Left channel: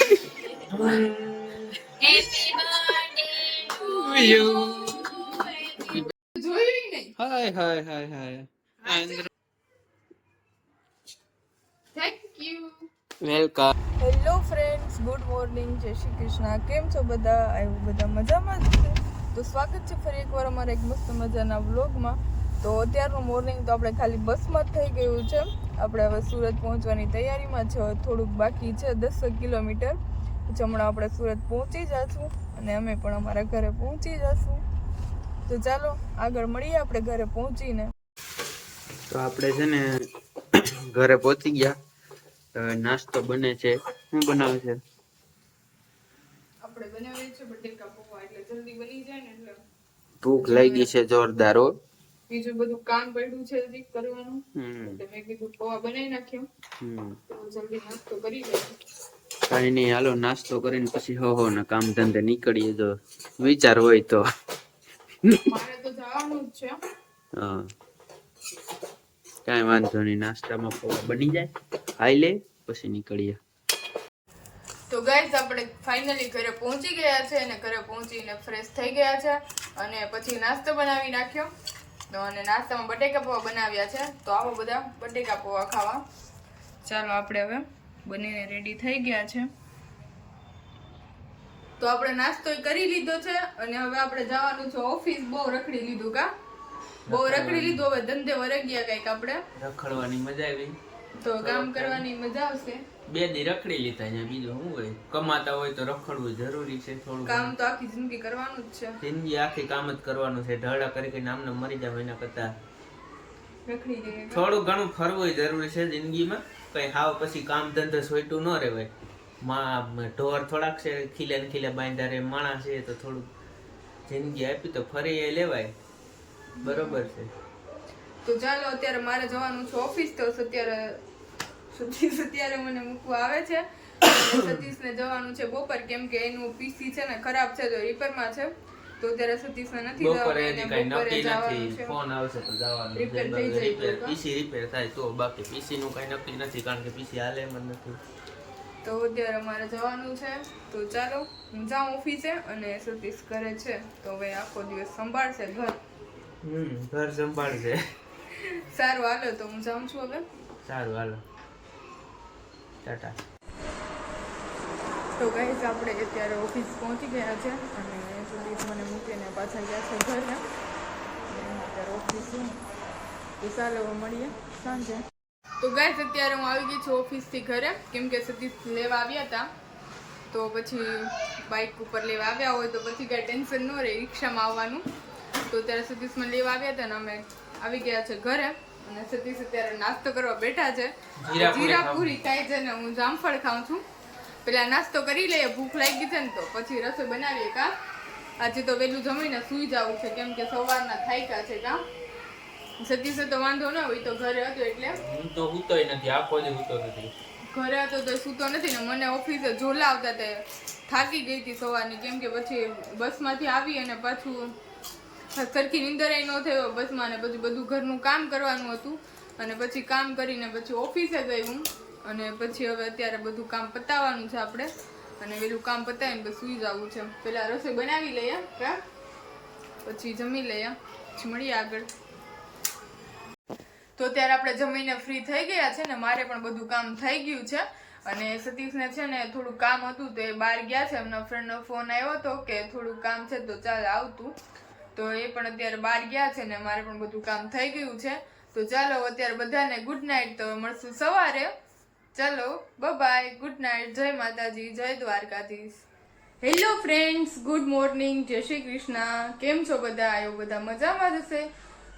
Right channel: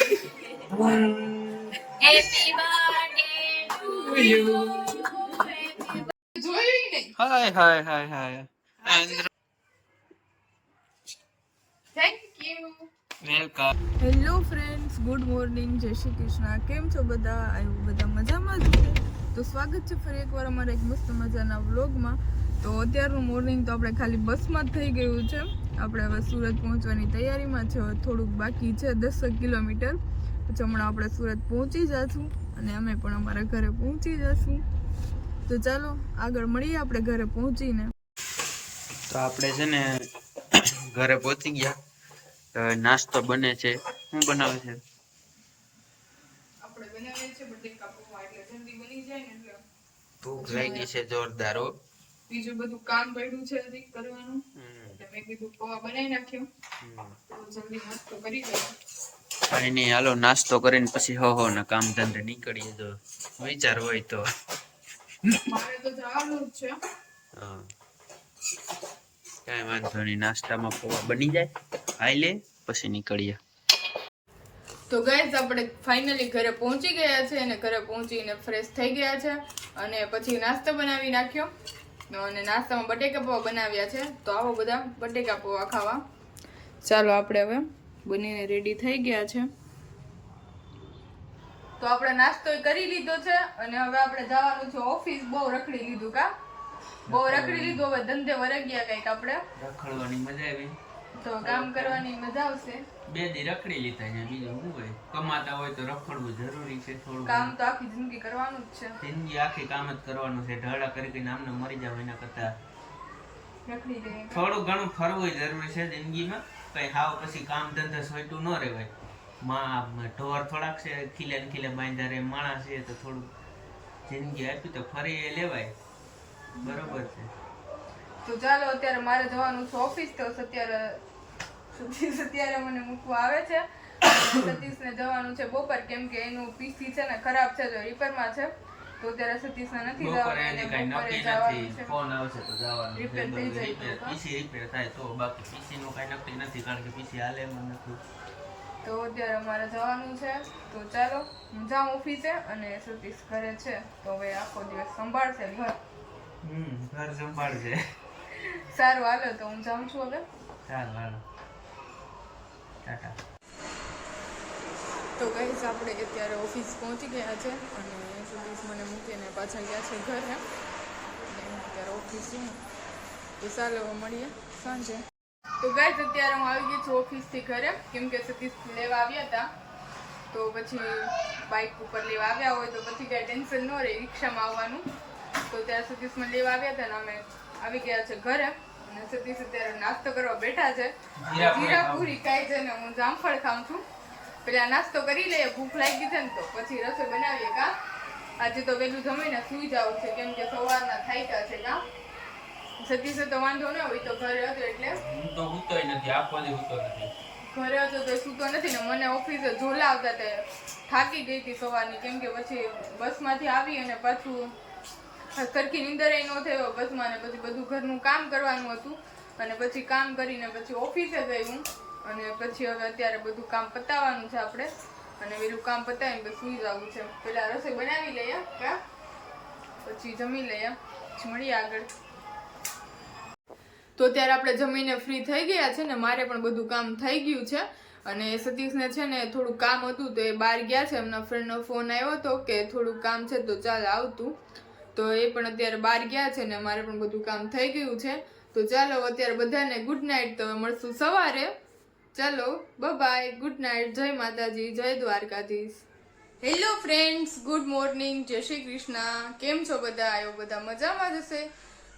Happy birthday to you. જોયું નહીં. Hi hi hi hi. Thank you. Welcome. Hello friends, good morning, જય શ્રી કૃષ્ણ. કેમ છો બધા? આઈ હોપ બધા મજામાં જ છે. તો સ્વાગત છે ફરી એકવાર અમારા એક મસ્ત મજાના વ્લોગમાં. તો અત્યારનું મોર્નિંગ તો આપણે ખાલી બસમાં જ થઈ ગયું છે. આપણે હવે સુરત પહોંચવાની તૈયારીમાં છે. થોડુંક બાકી છે, 10 કિલોમીટર. પછી હમણાં આપણે સુરત પહોંચી જઈશું અને અમે પણ અમારા ઘરે પહોંચી જઈશું. તો ચાલો આગળ મળીએ આપણે ઘરે પહોંચીને. તો આપણે છે ને ઘરે પહોંચી ગયા. હવે નાસ્તો બને છે. શું બનાવે છે? આપણે બનાવીએ છીએ બટેકા પૌવા, એટલે જલ્દી બની જાય ને એટલે. ભૂખ લાગી છે જોરદાર. હો, બીજું બધું કામ પડ્યું છે હજી કરવાનું. એટલે મેં કીધું પૌવા બનાવી નાખ્યો તો જલ્દી નાસ્તો કરી લઈએ. કઈ નહીં, હાલો નાસ્તો કરીને પછી હો ને કામ ધંધે નીકળીએ. જો વિચાર હોય તો. મારે તો જવાનું જ છે. હા, કઈ વાંધો નહીં. નાસ્તામાં પૌવા બની જાય, ખાઈ લે પછી નીકળીએ. તો ગાઈઝ આપણે ફાઇનલી ઘરે પહોંચી ગયા છે અને ઘરે પહોંચીને ફ્રેશ થઈ ગયા છે અને પછી નાસ્તો બનાવી નાખ્યો. અને નાસ્તામાં બટેકા પૌવા બનાવ્યા છે. તો આવો બધા બટેકા પૌવા ખાવા. ચાલો આપણે હવે બનીને રેડી થઈ ગયા છે. તો આપણે નાસ્તો કરી લીધો છે અને હવે આપણે જવાનું છે ઓફિસ. બહુ રખડી લીધું કા? બહુ રખડી લીધું. હવે ધંધે વરગ્યા કઈક આપણે. રખડવાની મજા આવી તો કામ કરવાની મજા આવશે. 2 દી રખડી લીધા છે. બીજું શું હોય? કમાતા હોય તો રખડવું જરૂરી છે. થોડું કામ તો આખી જિંદગી કરવાનું જ છે. જિંદગી આખી કામ જ કરવાનું છે. ઢળા કરી કરીને આમને મરી જાવ એના કરતા રખડી જઈએ. થોડું ઘણું ફરવું જરૂરી છે જિંદગીમાં. કઈ હાવ પછી કામ ધંધો સોઈટું ન રહેવાય. ઢોર થોડાક છે ખીલે ને ખીલે બાંધા રે માણસ છે તો થોડું જિંદગી આપી તો ફરી લેવાય. બરોબર છે. તો ચાલો અત્યારે મારે જવાનું છે ઓફિસ. તો અત્યારે મને મૂકવા આવે છે. સતીશને જવાનું છે બપોર, કેમ કે એનું પીસી છે ને ખરાબ છે, તો રિપેરમાં છે. તો અત્યારે સતીશને નથી જવાનું, એને બપોરે જવાનું છે. ફોન આવશે તો જવાનું. રિપેર થઈ જાય તો પીસી રિપેર થાય તો. બાકી પીસી નું કઈ નક્કી નથી, કારણ કે પીસી હાલે એમ નથી. તો અત્યારે અમારે જવાનું છે. તો ચાલો હું જાઉં ઓફિસે અને સતીશ ઘરે છે. તો હવે આખો દિવસ સંભાળશે ઘર. ઘર સંભાળશે. સારું હાલો, તો હું જાઉં છું હવે. સારું હાલો, ટાટા. તો ગાઈસ આપણે અત્યારે ઓફિસ પહોંચી ગયા છે અને સતીશ મને મૂકીને પાછા ગયા છે ઘરે. અને અત્યારે ઓફિસ છું. તો ચાલો હવે મળીએ સાંજે. તો ગાઈસ અત્યારે હું આવી ગઈ છું ઓફિસથી ઘરે, કેમ કે સતીશ લેવા આવ્યા હતા. તો પછી બાઇક ઉપર લેવા આવ્યા હોય તો પછી કાંઈ ટેન્શન ન રહે રિક્ષામાં આવવાનું. તો અત્યારે સતીશ મને લેવા આવ્યા હતા ને અમે આવી ગયા છે ઘરે. અને સતીશ અત્યારે નાસ્તો કરવા બેઠા છે. જીરા પૂરી ખાય છે ને હું જામફળ ખાઉં છું. પેલા નાસ્તો કરી લઈએ, ભૂખ લાગી છે ને તો પછી રસોઈ બનાવીએ. કા આજે તો વહેલું જમીને સૂઈ જવું છે, કેમ કે સવારના થાક્યા છે. કા સતીશે તો વાંધો ન હોય, તો ઘરે હતો એટલે. હું તો સૂતોય નથી, આખો દી સૂતો નથી. ઘરે હતો તો સૂતો નથી ને. મને ઓફિસે ઝોલા આવતા તે થાકી ગઈ હતી સવારની, કેમ કે પછી બસમાંથી આવી અને પાછું સરખી નીંદર ન થયો બસમાં. ને પછી બધું ઘરનું કામ કરવાનું હતું અને પછી કામ કરીને પછી ઓફિસે ગઈ હું. અને પછી હવે અત્યારે બધું કામ પતાવવાનું છે આપણે. અને પેલું કામ પતાવીને પછી સૂઈ જવું છે. પેલા રસોઈ બનાવી લઈએ, કા પછી જમી લઈએ, પછી મળીએ આગળ. તો અત્યારે આપણે જમીને ફ્રી થઈ ગયા છે ને મારે પણ બધું કામ થઈ ગયું છે. અને સતીશને છે ને થોડું કામ હતું તો એ બહાર ગયા છે. એમના ફ્રેન્ડનો ફોન આવ્યો હતો કે થોડું કામ છે તો ચાલ આવતું. તો એ પણ અત્યારે બહાર ગયા છે ને મારે પણ બધું કામ થઈ ગયું છે. તો ચાલો અત્યારે બધાને ગુડ નાઇટ. તો મળશું સવારે. ચાલો બાય, ગુડ નાઇટ, જય માતાજી, જય Dwarkadhish. Hello friends, good morning, જય શ્રી કૃષ્ણ. કેમ છો બધા? આવ્યો બધા મજામાં જ હશે.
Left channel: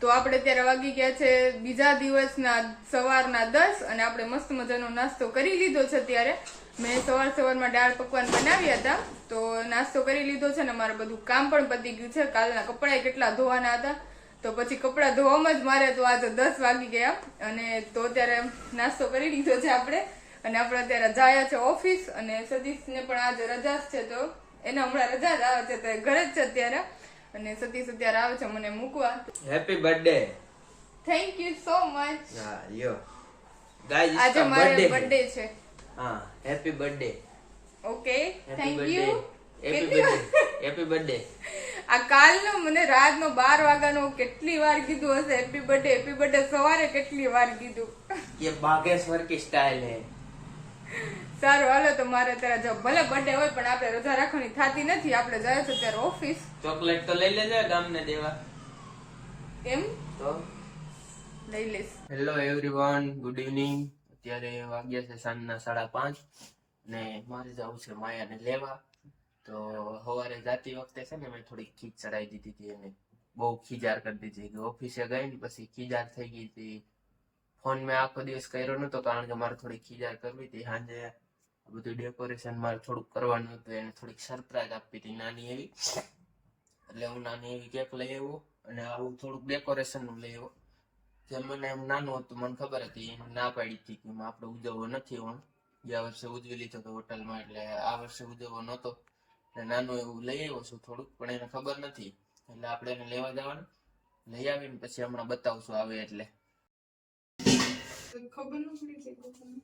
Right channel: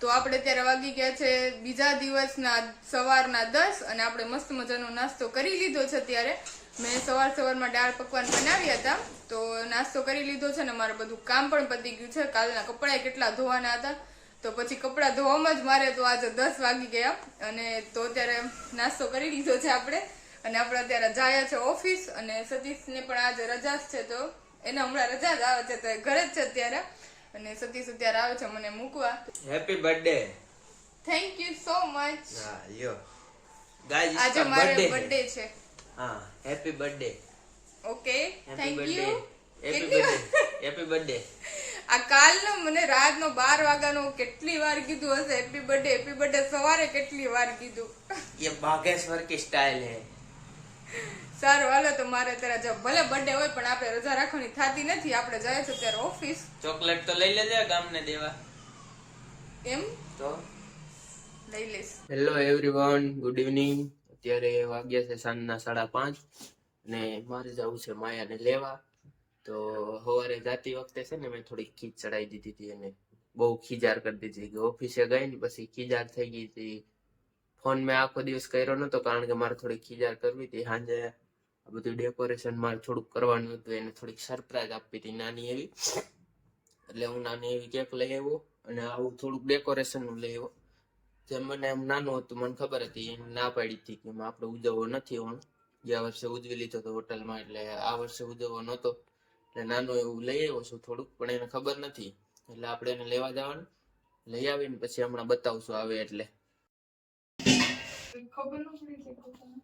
તો આપણે અત્યારે વાગી ગયા છે બીજા દિવસના સવારના 10 અને આપણે મસ્ત મજાનો નાસ્તો કરી લીધો છે. અત્યારે મેં સવારમાં દાળ પકવાન બનાવ્યા હતા તો નાસ્તો કરી લીધો છે ને મારે બધું કામ પણ પતી ગયું છે. કાલના કપડાં કેટલા ધોવાના હતા તો પછી કપડાં ધોવામાં જ મારે તો આજે 10 વાગી ગયા. અને તો અત્યારે નાસ્તો કરી લીધો છે આપણે અને આપણે અત્યારે જાય છે ઓફિસ. અને સતીશને પણ આજે રજા છે તો એને હમણાં રજા જ આવે છે તો ઘરે જ છે અત્યારે. અને સતીશ અત્યારે આવે છે મને મૂકવા. Happy birthday. Thank you so much. યો ગાઈસ, આજે મારે બર્થડે છે. હા, happy birthday. Okay thank happy you. Birthday happy birthday આ કાલનો મને રાતનો 12 વાગ્યાનો કેટલી વાર કીધું હશે હેપી બર્થડે સવારે કેટલી વાર કીધું. ये बागेश्वर की स्टाइल है. સારું હાલો તો મારે અત્યારે જો ભલે બર્થડે હોય પણ આપણે રજા રાખવાની થતી નથી. આપણે જાય છે ત્યારે ઓફિસ. ચોકલેટ તો લઈ લેજે ગામને દેવા. એમ તો લઈ લઈશ. Hello everyone, good evening. અત્યારે વાગ્યા છે સાંજના 5:30 અને મારે જવું છે માયાને લેવા. તો સવારે જાતી વખતે છે ને મેં થોડી ખીચ ચડાવી દીધી હતી અને બહુ ખીજાર કરી દીધી કે ઓફિસે ગઈ ને પછી ખીજાર થઈ ગઈ હતી. ફોન મેં આખો દિવસ કર્યો નતો કારણ કે મારે થોડી ખીજાર કરવી હતી. સાંજે આ બધું ડેકોરેશન મારે થોડુંક કરવાનું હતું, એને થોડીક સરપ્રાઈઝ આપવી હતી નાની એવી. એટલે હું નાની એવી કેક લઈ આવ્યો અને આવું થોડુંક ડેકોરેશનનું લઈ આવ્યો. જે મને એમ નાનું હતું, મને ખબર હતી, એને ના પાડી હતી કે આપણે ઉજવવો નથી. હું ગયા વર્ષે ઉજવી લીધો હતો હોટલમાં, એટલે આ વર્ષે ઉજવવો નહોતો. એટલે નાનું એવું લઈ આવ્યો છું થોડુંક, પણ એને ખબર નથી. એટલે આપણે એને લેવા જવાનું, લઈ આવીને પછી હમણાં બતાવશું આવે એટલે. ખબર ન પડી છે પોતાને.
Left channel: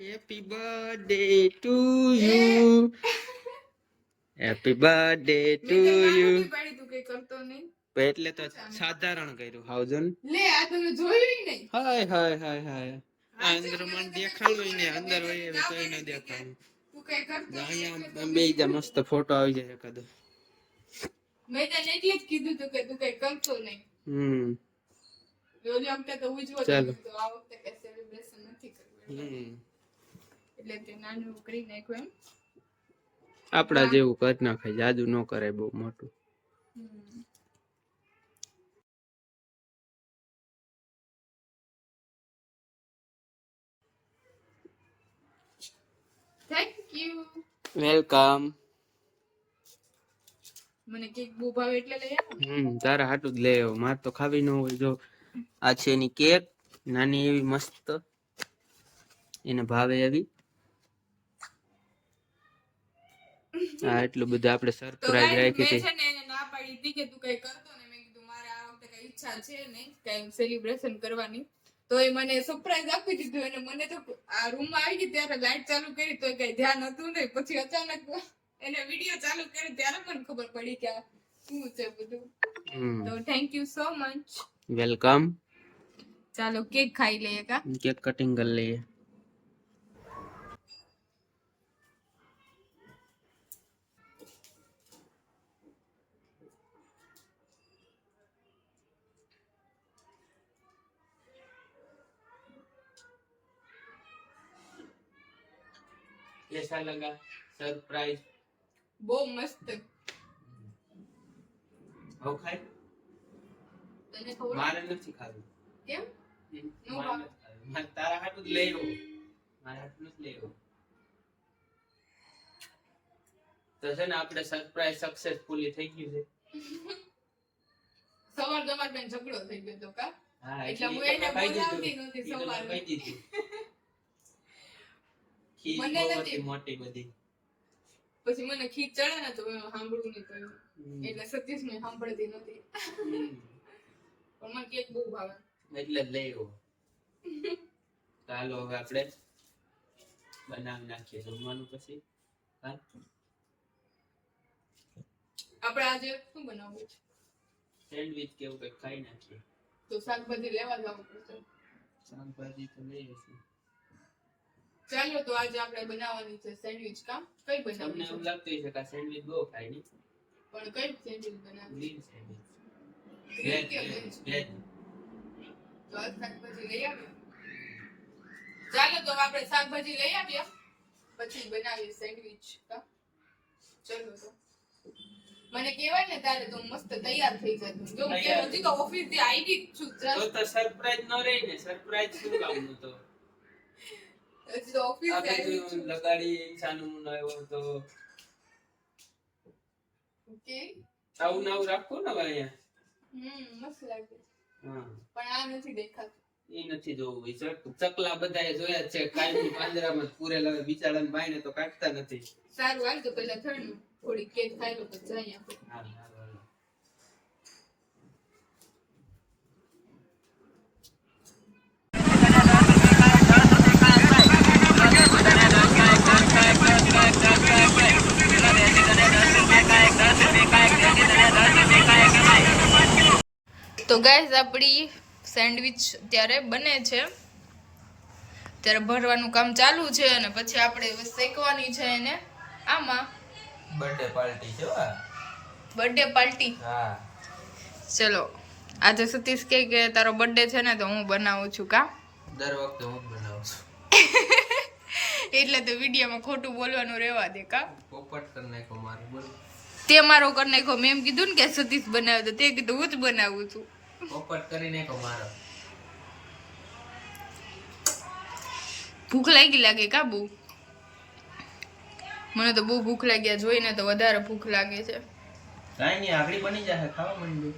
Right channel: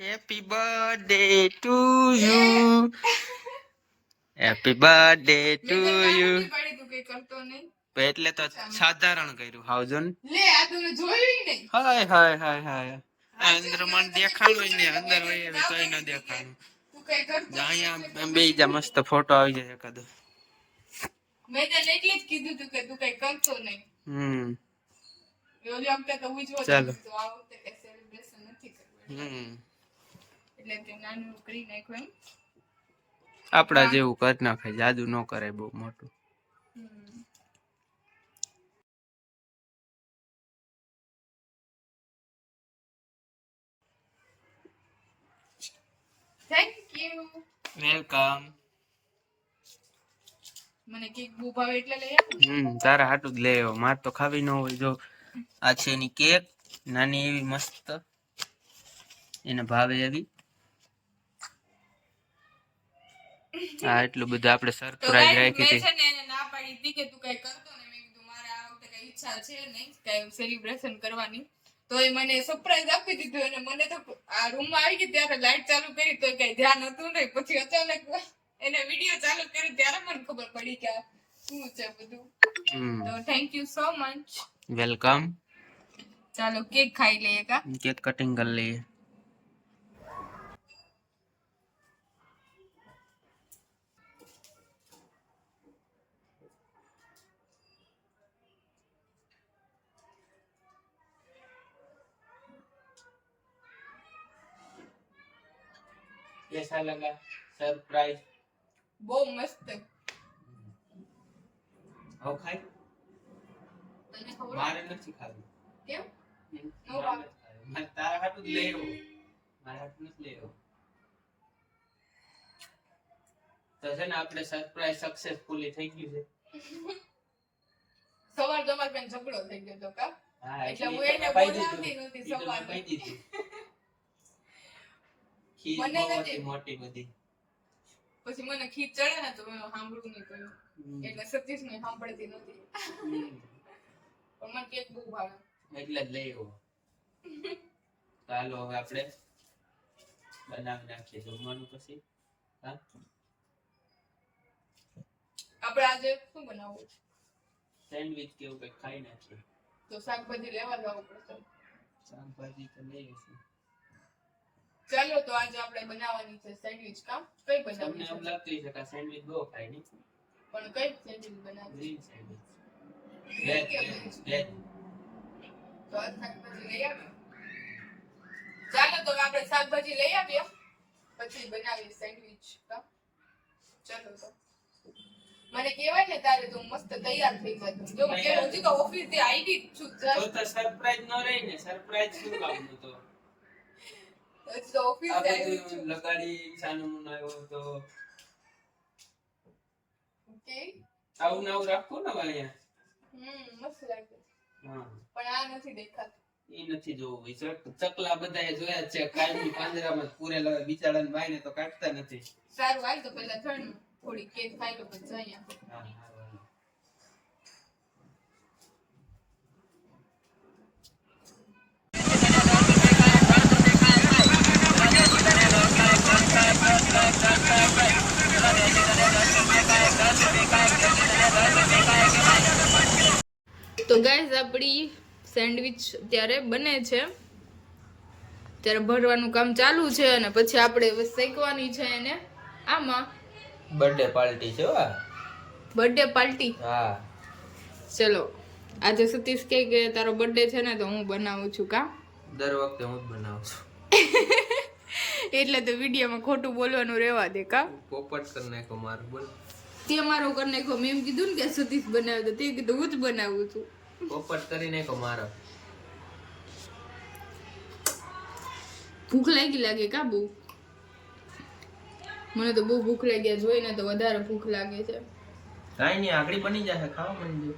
Happy birthday to you, happy birthday to you. પાડી તું કઈ કરતો નહીં. એટલે તો સાધારણ કર્યું હાવજન. લે આ તો મેં જોયું નહીં. હાય હાય હાય હાય. આ અંદર મને દેખાણું ને અંદર હોય એવી તોય ન દેખાણું. તું કઈ કરતો અહીંયા બે જા મસ્ત ફોટો આવી જાય એકાદો. મેં તને એટલે જ કીધું તું કે તું કઈ કરતો નહીં. ઓલી વખતે તો ઉજવો ચાલો. તો આ વખતે કઈ સેલિબ્રેશન નથી કરવું. એટલે તે નાનું કરી નાખ્યું એમ. આપડા જેવું કરી નાખાય, જાદુ ન કરે બહુ મોટું. Thank you. વેલકમ. મને કેક બહુ ભાવે એટલે લઈ આવો. તારા હાટું જ લઈ આવ્યો, માર તો ખાવી ન હોય. જો આ છે એની કેક, નાની એવી મસ્ત, એને ભાવે એવી. આ એટલું બધું આપણે તો સરપ્રાઈઝ ગાઈસ રાખી મેં હતી. છે ને એને ના પાડી હતી કે તું કઈ કરતો ને. મેં કીધું મારે આ વખતે કઈ ઈચ્છા છે નહીં કઈ સેલિબ્રેશન કરવાની. તો એ મને સરપ્રાઈઝ આપી દીધું અને મને તો આ રૂમમાં આવી ગઈ ત્યારે લાઈટ ચાલુ કરી તો કઈ ધ્યાન હતું નહીં. પછી અચાનક એને વિડિયો ચાલુ કર્યો ત્યારે મને ખબર પડી કે આ શું છે બધું. તો thank you so much. Welcome. ચાલો કેક ખાઈ લઈએ કા. કેક કટિંગ કરી લઈએ. कैसा लगा सरप्राइज? બહુ મસ્ત. હવે ખાઈ? તને ખબર મારે નથી ખાવું. કેમ? મારે નથી ખાવું. મારે તારા હાટું જ લઈ આવ્યો. મારા હાટું જ લઈ આવ્યો. તો છે ને આપણે સરપ્રાઈઝ સક્સેસફુલી થઈ ગયું છે. સવાર તમાર બેન ઝઘડો થઈ ગયો તો કા. હા, એટલે હું એને બોલાવતી નહોતી સવારે. મને નથી. મોટી બધી. પછી મને ખીચ ચડે ને તો મેં સાંભળવું નહીં પડ્યું. એટલે સતીશ ને સાંભળતી નથી. પણ મને કેક બહુ ભાવે. એટલે જ લઈ આવ્યો. ચાલો હવે આપણે બનાવી નાખીએ જમવાનું પછી. હા, આપણે આજે શું બનાવવું છે? સેન્ડવિચ કે એવું કંઈક ખાઈ નાખીએ. તો શાકભાજી લેવા જવું પડશે. શાકભાજી તો લઈ આવીશું. ચાલો તો આજે આપણે બનાવવાની છે સેન્ડવિચ. કામ કઈ તમને બનાવવી એમ છે? લાગતું હશે કે આ સેન્ડવિચ બહુ ખાય નહીં. પણ કઈ સેન્ડવિચ બનાવવી? Green sandwich. Green કે veg? વેજ. તો આ શાકભાજી લઈ આવીએ. ચાલો તો આપણે શાકભાજી લઈ આવીએ પછી બનાવીએ સેન્ડવિચ. કામ ચલો તો મને કહેવાય ને તારે તો હું મસ્ત તૈયાર થઈ જાતું. જો હું કે હજી તો ઓફિસ થી આવી જ છું. તો સરપ્રાઈઝ ન રહી ને. સરપ્રાઈઝ શું કામનું તો? હજી તો ઓફિસ આ થી આવી બધું છું. લગાડી છાનું આવ્યો તો ઓકે. આવું ને આવું રાખવું ને હવે અહીંયા. મસ્ત લાગે. હા, પણ આ નથી દેખાતું. એ નથી જોવું. એ ચકલા બધાએ જોયા જ છે. કાલની પાંજરામાં પૂરેલા બિચારાને ભાઈને તો કાઢતા નથી. સારું હાલ તો પેલા થર્ડ થોડી કેક ખાઈ લો પછી જઈએ આપણે. હા, હા, હા. તો ગાઈઝ આપણી સેન્ડવિચ અત્યારે બને છે, ત્યારે ભરવાનું કામ ચાલુ છે અને પછી આપણે શેકવાની છે એને આમાં. બર્થડે પાર્ટી છે વા. Birthday party. હા ચલો આજે સતીશ કે તારો બર્થડે છે ને તો હું બનાવું છું કા. દર વખતે હું જ બનાવું છું. એટલે તો વિડીયોમાં ખોટું બોલવાનું રહેવા દે કા. પોપટ કરી નાખો મારું બોલ. તે મારો કરી નાખો. મેં એમ કીધું ને કે સતીશ બનાવે તો તે કીધું હું જ બનાવું છું. પોપટ કરી નાખો મારો. ભૂખ લાગે કા બહુ. મને તો બહુ ભૂખ લાગ્યા જોઈને તો વધારે ભૂખ લાગે છે. કાંઈ નહીં આગળ બની જશે ખાવા માંડી.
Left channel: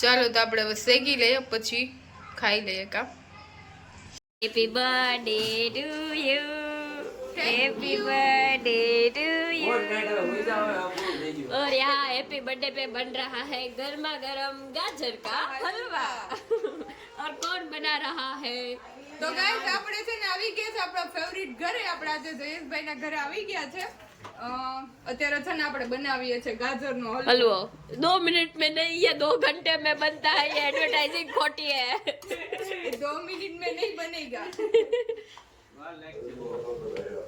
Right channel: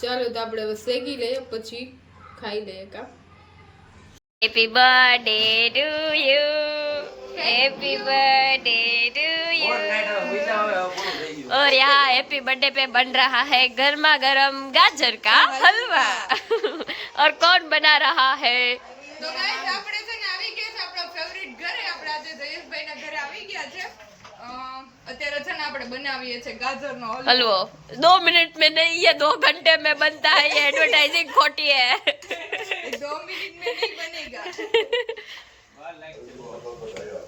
ચાલો તો આપણે હવે શેકી લઈએ પછી ખાઈ લઈએ કા. Happy birthday to you. Happy birthday to you. और यहाँ हैप्पी बर्थडे पे बन रहा है गर्मा गर्म गाजर का हलवा. और कौन बना रहा है? તો ગાઈસ આપણે છે ને આવી ગયા છે આપણા ફેવરિટ ઘરે. આપણે આજે જયેશભાઈના ઘરે આવી ગયા છે. અત્યારે છે ને આપણે બનાવીએ છે ગાજરનો हलवा 2 मिनट में नहीं ये 2 घंटे में बनता है. ये एडवर्टाइजिंग खोटी है. 2 मिनट में नहीं बनेगा.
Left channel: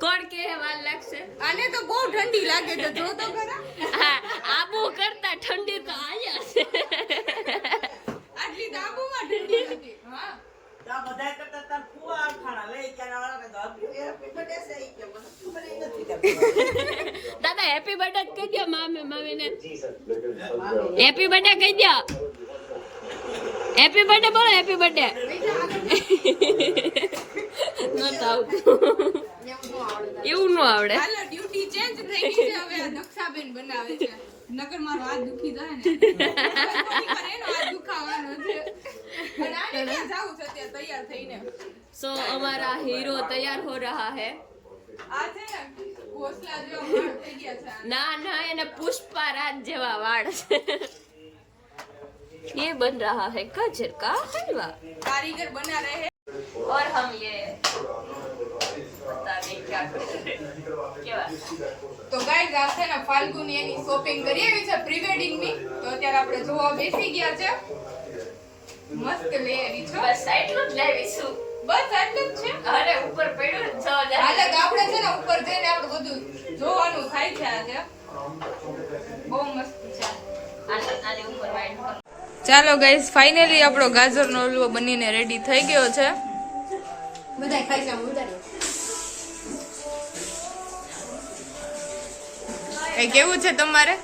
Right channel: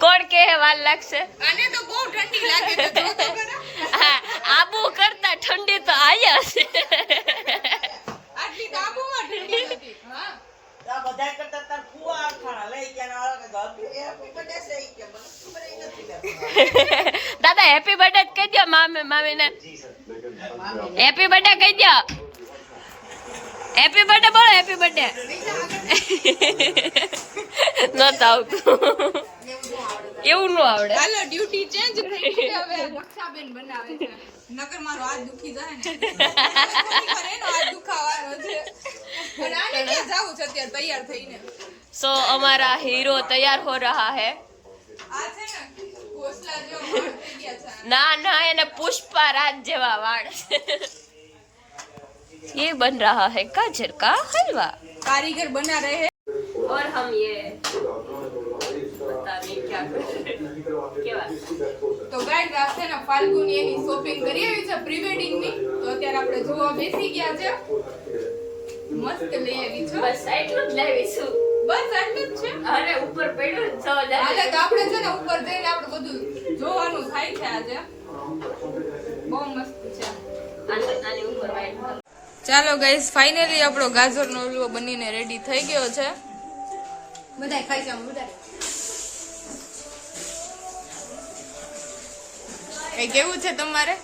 કોણ કે વાર લાગશે? આને તો બહુ ઠંડી લાગે છે જો તો ખરા. હા, આબુ કરતા ઠંડી તો આયા છે. આટલી દાબુમાં ઠંડી નથી. હા દાદા હેપી બર્થડે કહી દો મામીને. હેપી બર્થડે કહી દો. હેપી બર્થડે બોલો. હેપી બર્થડે નહોતું આવતું. એવું ન આવડે. હાલો ડ્યુટી ચેન્જ થઈ ગઈ છે. હવે દક્ષાબેન બનાવે છે. નકર મારો હાથ દુખી જાય ને. એનો હાથ દુખાવાનો છે. અને આને ક્યાં જાવું છે અત્યારે તૈયાર થઈને. સો અમારા હીરો તૈયાર હો રહા હે. આ છે ને ઘોસલા જેવા વાળ થઈ ગયા છે. ના ના એને પુષ્પા રાજ જેવા વાળ છે. ये बन रहा है गाजर का हलवा. कारीगर बना रहे हैं और हम ये पता नहीं क्या कर रहे हैं. કેવા તો ગાઈસ આ છે ને ફાલ્ગુની એની શોપિંગ કરી આવી છે પ્રી વેડિંગ ની. તો અત્યારે આપણે જોવા બેસી ગયા છે. મસ્ત લઈ આવી છો. બસ એટલું જ લાવીશું. બસ આટલું જ છે. અરે ઉપર પડ્યું જ જો હાલે તો આપણે છે ને ઉપર જઈને આપણે બધું જોવાનું થાય છે આજે. બહુ મસ્ત છે. આની ઉપર વાઈટ કલર. ચાલો ગાઈસ ફાઇનલી આપણો ગાજરનો હલવો બનીને રેડી થઈ ગયો છે. બધા ખાઈ જાવ બધા. એ કેવું છે તમારે?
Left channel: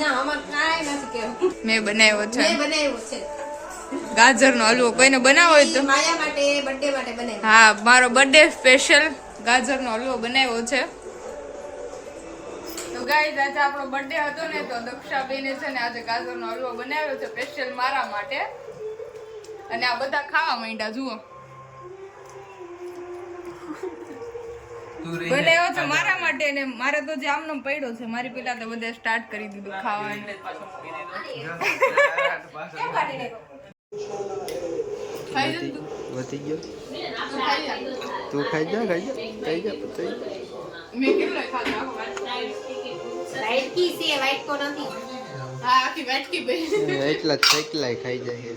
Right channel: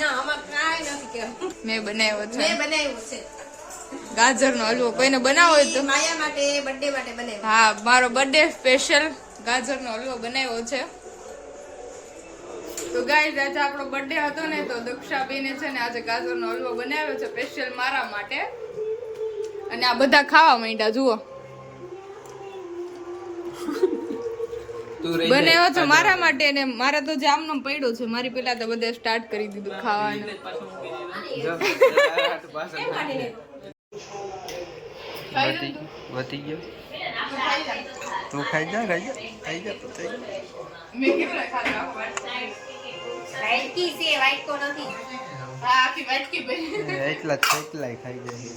ના અમાર કાઈ નથી કેવું. મેં બનાવ્યો છે મેં બનાવ્યું છે. ગાજરનો હલવો. કોઈને બનાવો હોય તો માયા માટે બર્થડે માટે બનાવ્યું. હા, મારો બર્થડે સ્પેશિયલ ગાજરનો હલવો બનાવ્યો છે. તો ગાઈઝ આજે આપણો બર્થડે હતો ને તો દક્ષાબેને છે ને આજે ગાજરનો હલવો બનાવ્યો છે સ્પેશિયલ મારા માટે. અને આ બધા ખાવા માંડ્યા જુઓ. બનાવ્યો છે મારા માટે ને મારે તો જે આમનો પડ્યો છે. મારી પેલા તો બધા સ્ટાર્ટ કરી દીધું ખાવાનું. વધી ગયો. તું ખાઈ જા પતાઈ મેં કેટલા ખાધા? વ્હાઈટ કી છે વ્હાઈટ તો નથી. હા, આખી વાટકી ભરી. એટલા ખાઈ જાય.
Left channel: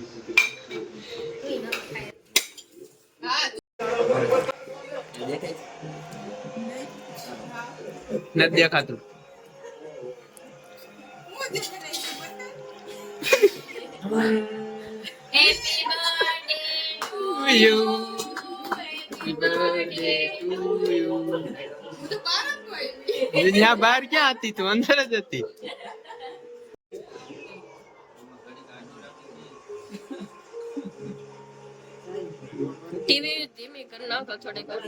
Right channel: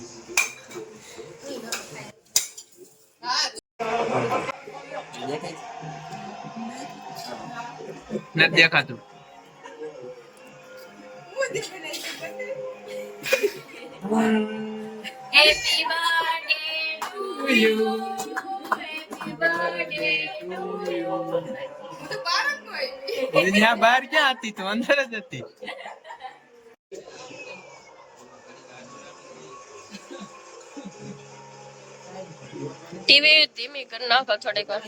હા નથી દેખાતું. મુજે બનાઈ છે birthday. Happy birthday to you. Happy birthday હું તો બહાર જ હોય. ત્યાં બહાર ક્યાં હતી? તું અંદર જ હતી. ટીવી ધીમી કરી નાખો થોડીક વાર.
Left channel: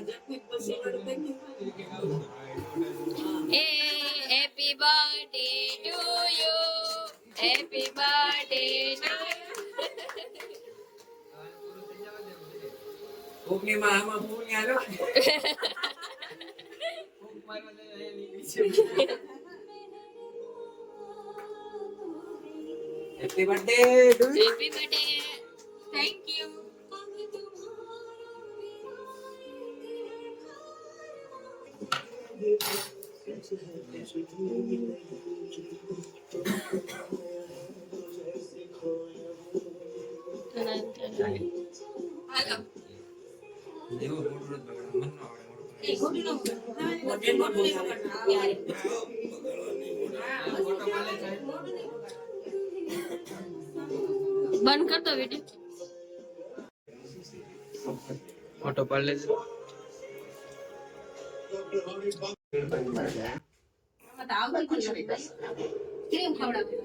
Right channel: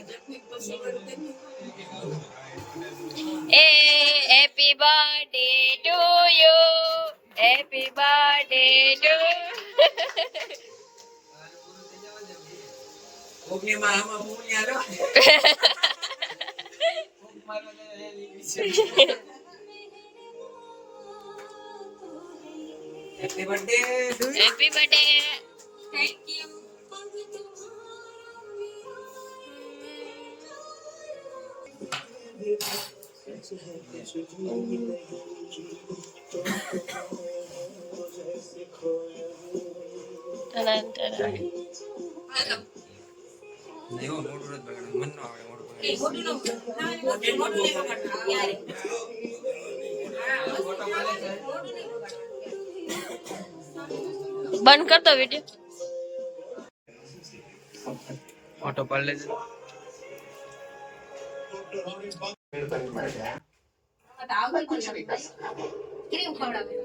એ happy birthday to you. Happy birthday to. Happy birthday. Happy birthday. Thank you. બંધ કરતો વિડીયો. ફોટો પાડ લેજે. ક્રીમ ખવડાવે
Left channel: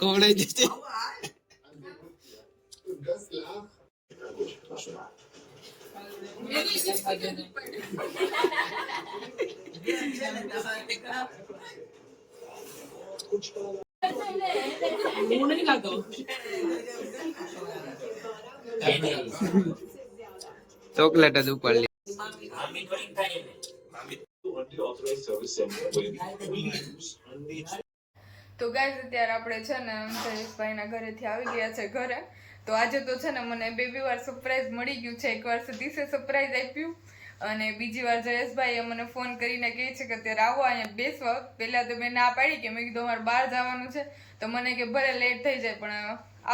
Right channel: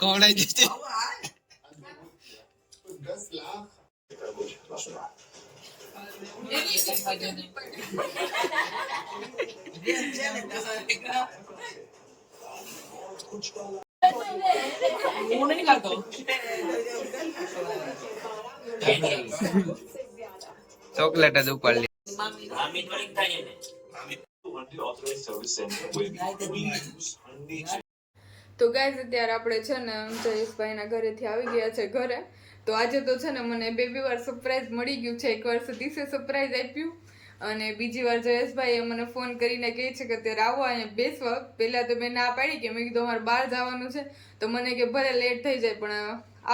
કોણાઈ જશે. ચોકલેટ જ ઉપાડ લે. તો ગાઈઝ અત્યારે આપણે છે ને જયેશભાઈના ઘરેથી આવી ગયા છે ઘરે. તો આજે તો છે ને મને બે વાર સરપ્રાઈઝ મળી ગયું છે. એકવાર સતીશે સરપ્રાઈઝ આપ્યું અને બીજી વાર જયેશભાઈએ મને ફોન કરીને કહે છે કે અત્યારે આવો અહીંયા બેસવા. પહેલાં તો મેં ના પાડી કે મેં કીધું અમારે બહાર જવાનું છે. તો મને કે ભલે લેટ થઈ જાય પણ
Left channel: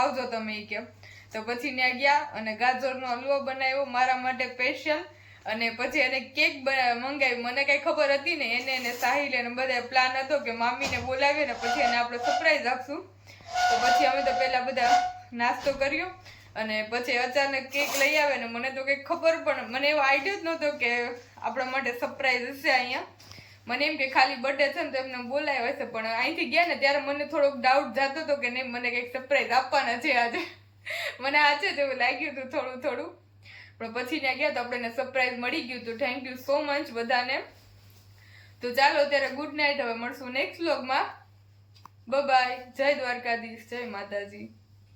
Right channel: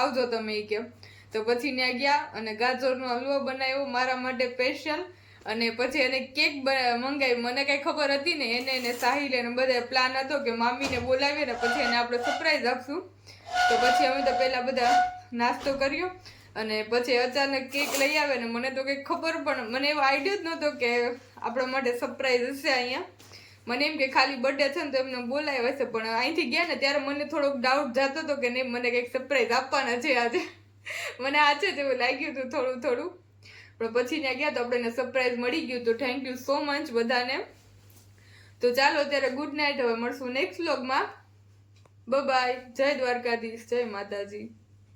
આવજો તમે એ કે. તો પછી ત્યાં ગયા અને ગાજરનો હલવો બનાવ્યો મારા માટે સ્પેશિયલ. અને પછી એને કેક મંગાવી. મને કઈ ખબર હતી ને એને સાહિલ એને બધા પ્લાન હતો કે મામીને બોલાવીએ ને પછી એને આપણે સરપ્રાઈઝ આપશું. તો પછી અમે તો પહેલા બધા નાસ્તો કર્યો અને પછી અચાનક કેક લઈ આવે ને મને તો કંઈક ખબર પણ મને એવો આઈડિયો જ નહોતો કે આપણા માટે સરપ્રાઈઝ હશે અહીંયા. મને એમ કે ખાલી બર્થડે છે ને તો એમને બોલાવ્યા હશે પણ અહીંથી ગયા ને ત્યારે મને થોડોક ડાઉટ જતો હતો કે નહીં મને કંઈક સરપ્રાઈઝ આપવાના છે આજે. મને આજે જ એવું લાગ્યું હતું થોડું પણ પછી ત્યાં ગયા તો આપણે એને સરપ્રાઈઝ મળી ગયું. તો થેન્ક યુ સો મચ બધાને. તો ચાલો અત્યારે ગુડ નાઇટ. હવે મળશું નેક્સ્ટ વ્લોગમાં. બાય. જય દ્વારકાધીશ. જય માતાજી.